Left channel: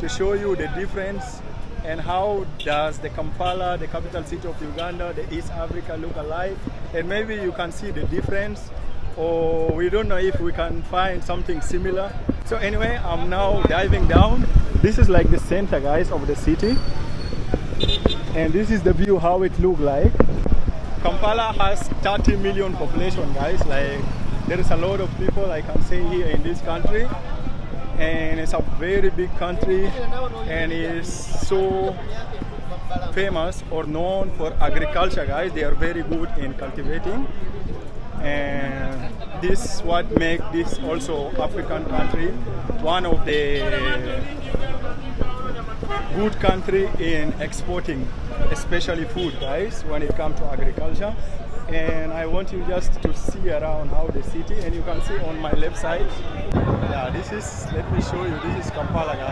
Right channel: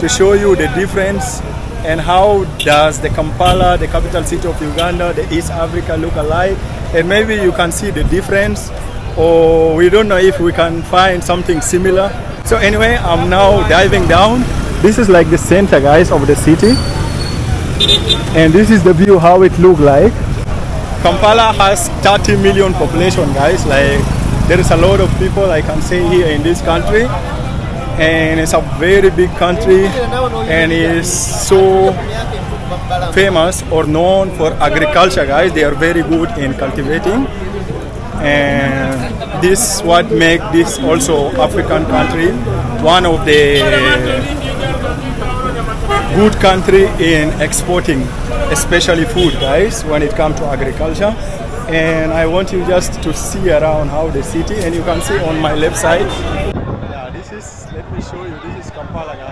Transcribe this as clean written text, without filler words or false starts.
to show you the difference and how does the Kampala, the capital city of Uganda, the East Africa look alike, and maybe you can see the difference, or we don't know if we can find something similar. So anyway, I'm now diving down. This is like the center, guys, of the city, and this is the view how it look like. Kampala has 30 million population, guys. Like, there is a lot of people I can say here in this country, and it's a very big country, and it's so famous or known for agriculture, guys. They are very good in cultivating, and this what make this also African country one of the good country in exporting, especially food, guys, when it comes to agriculture. And I want you just to see around how the city, and you can see on my left side, yeah, this is, let me show you, this is Kampala, guys.